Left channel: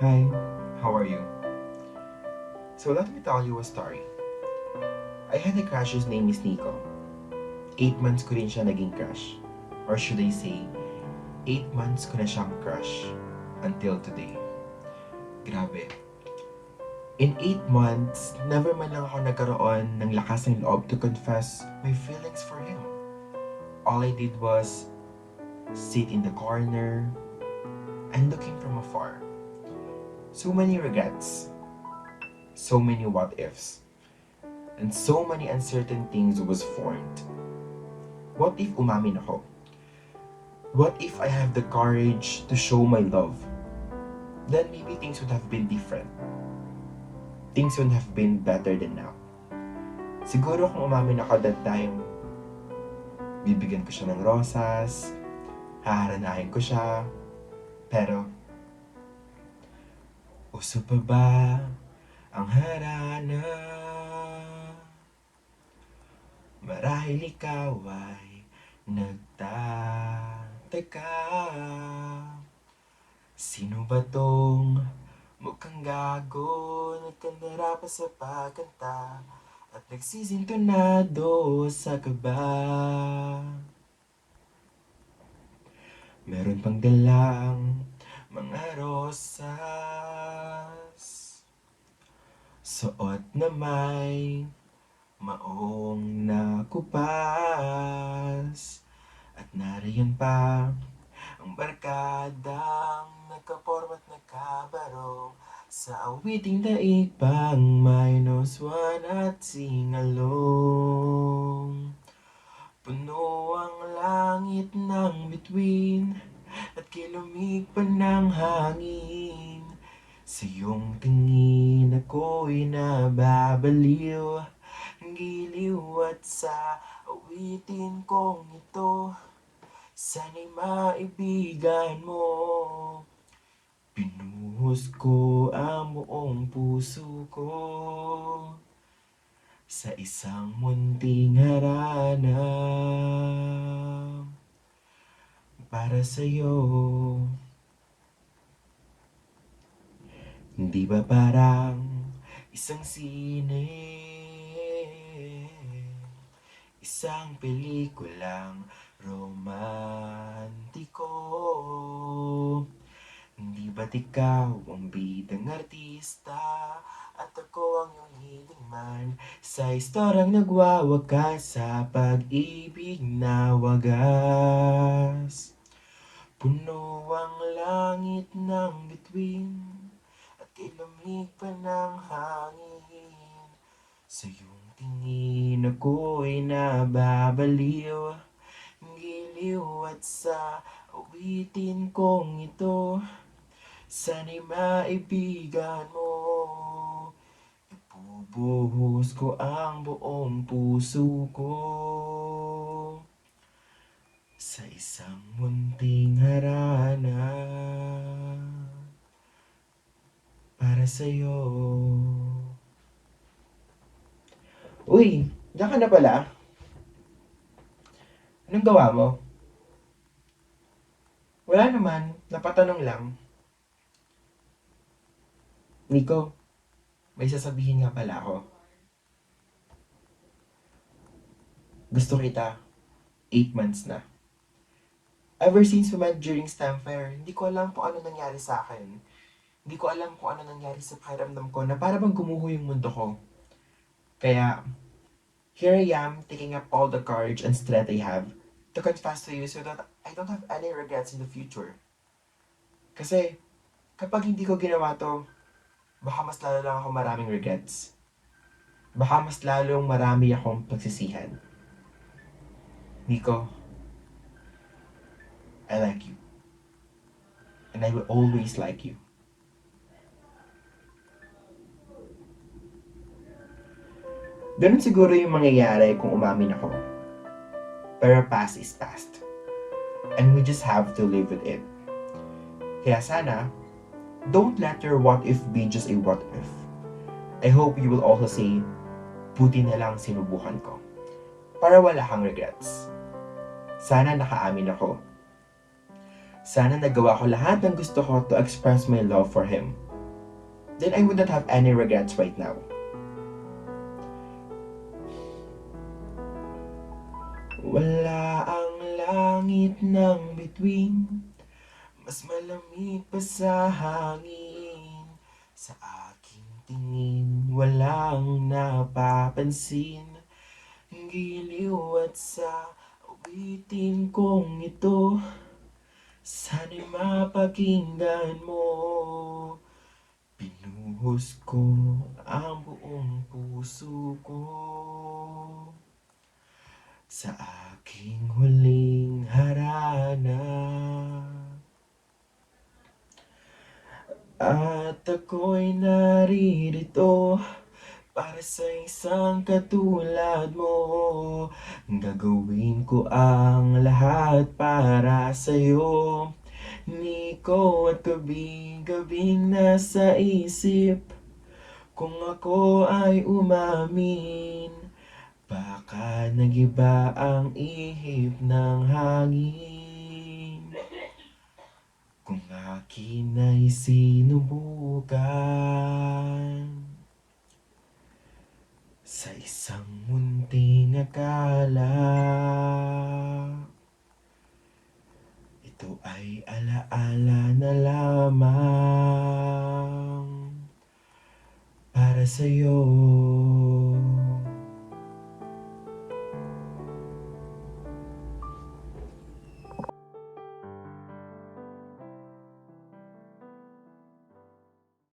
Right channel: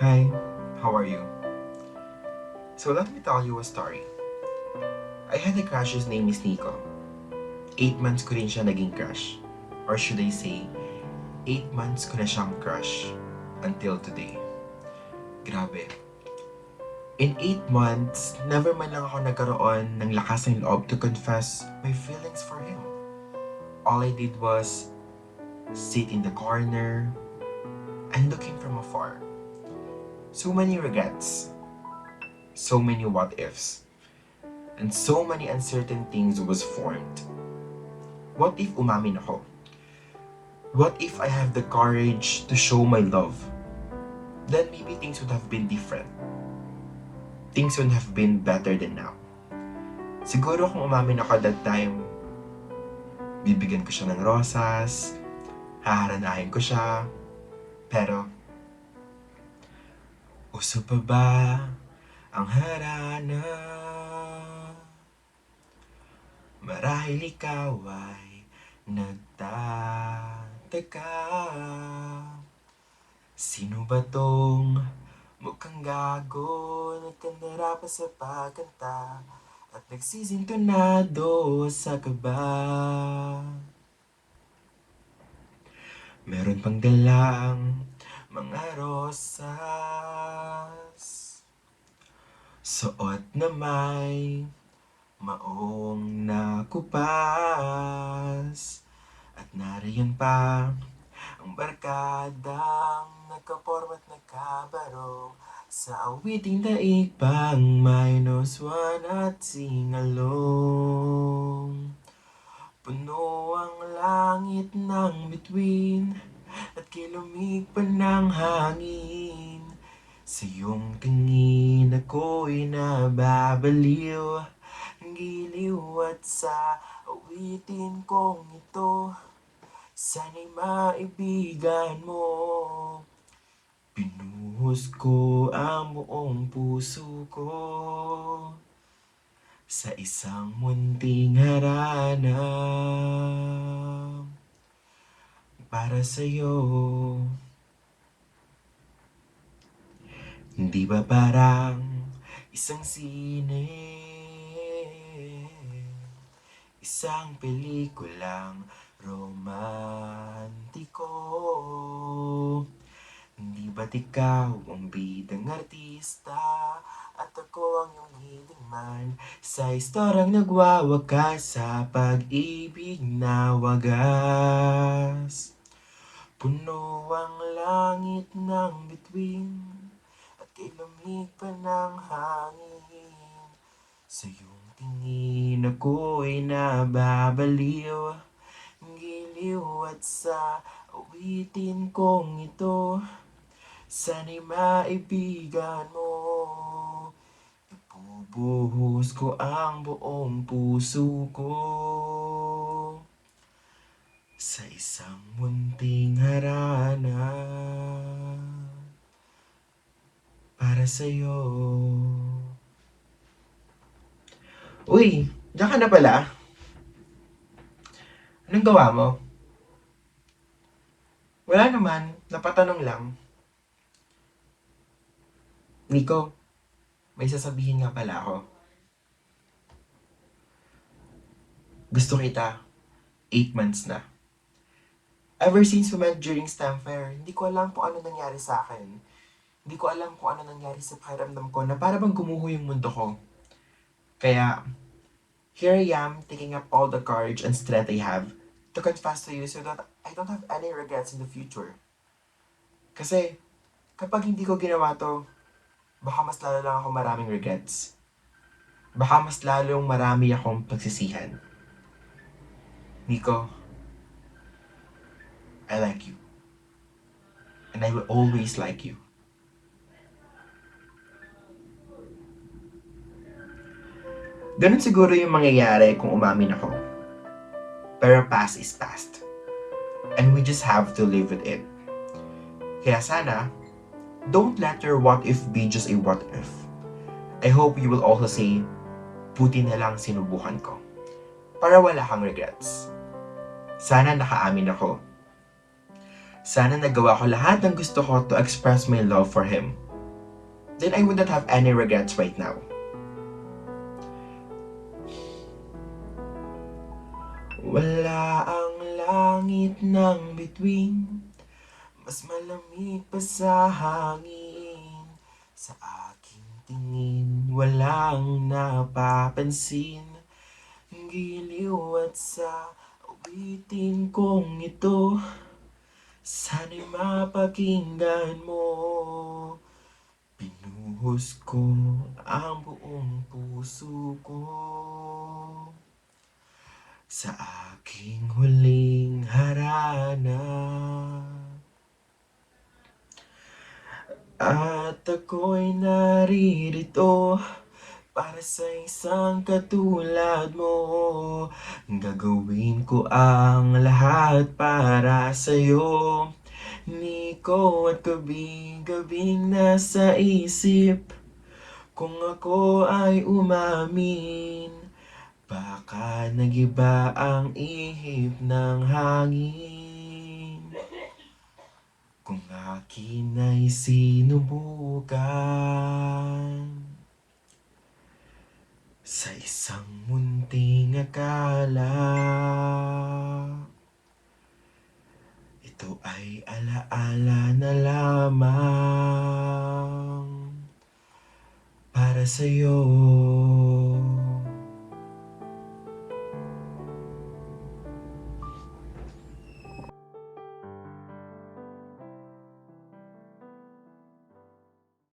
Hi, how are you? So let me tell you a story. I had a crush whose name is Nico. 8 months ko rin siya naging crush. Or should I say, 8 months ko na siyang crush. Until today. Grabe. In 8 months, never man lang ako nagkaroon ng lakas ng loob to confess my feelings for him. All I did was sit in the corner and look him from afar. So many regrets. So many what ifs. And so many uncertain things was formed. What if umamin ako? What if I have the courage to show my love? Then maybe things would have been different. Things would have been better than now. Siguro kung umamin ako that time, bibigyan ko siya ng rosas, haharanahin ko siya, pero uso pa ba ang harana? Marahil ikaw ay nagtataka. Sino ba tong mukhang gago, nagkandara pa sa pagkanta at nagsisintonado sa kaba? Meron pang dalang mga rosas, suot na may maong nakupas, at nariyan pa ang barkadang nagkaporma't nagkabarong sa awiting daig pang -1 at singalong. Puno ang langit ng bituin at kilomig pa ng hangin. Sa iyong tingin ako'y nababaliw, giliw at sa awitin kong ito, sana'y maibigan mo. Pinuhos ko ang buong puso ko sa isang munting harana para sa'yo. Hindi ba parang isang sine, isang pelikulang romantiko? Hindi ba't ikaw ang bidang artista at ako ang iyong hiling man sa istoryang nagwawakas sa pag-ibig na wagas? Puno ang langit ng bituin at kilomig pa ng hangin. Sa iyong tingin ako'y nababaliw, giliw at sa awitin kong ito, sana'y maibigan mo. Ibubuhos ko ang buong puso ko sa isang munting harana para sa'yo. Uy, diyan ka na pala? Anong gawa mo? Wala naman, napatanong lang. Nico, may sasabihin nga pala ako. Gusto kita, 8 months na. Ever since we met during STEM fair, hindi ko alam kung ano nangyari sa akin. Hindi ko alam kung ano nangyari sa pakiramdam ko na para bang gumuho yung mundo ko. Kaya, here I am taking up all the courage and strength I have to confess to you so that I don't have any regrets in the future. Kasi, kapag hindi ko ginawa to, baka mas lalo lang ako maraming regrets. Baka mas lalong marami akong pagsisihan. Nico, I like you. And I will always like you. Ganun siguro yung mangyayari kung umamin ako. Pero past is past. And we just have to live with it. Kaya sana, don't let your what if be just a what if. I hope you will also say, buti na lang sinubukan ko. Para wala kang regrets. Sana nakaamin ako. Sana nagawa ko lahat ng gusto ko to express my love for him. then I would not have any regrets right now. Wala ang langit ng bituin, mas malamig pa sa hangin. Sa aking tingin, walang napapansin. Giliw at sa awitin kong ito, sana'y mapakinggan mo. Pinuhos ko ang buong puso ko sa aking huling harana. At ako'y naririto para sa isang katulad mo. Gagawin ko ang lahat para sa'yo, Nico, at gabing nasa isip. Kung ako ay umamin, baka nagiba ang ihip ng hangin. Kung akin ay sinubukan sa isang munting akala, ito ay alaala na lamang para sa'yo.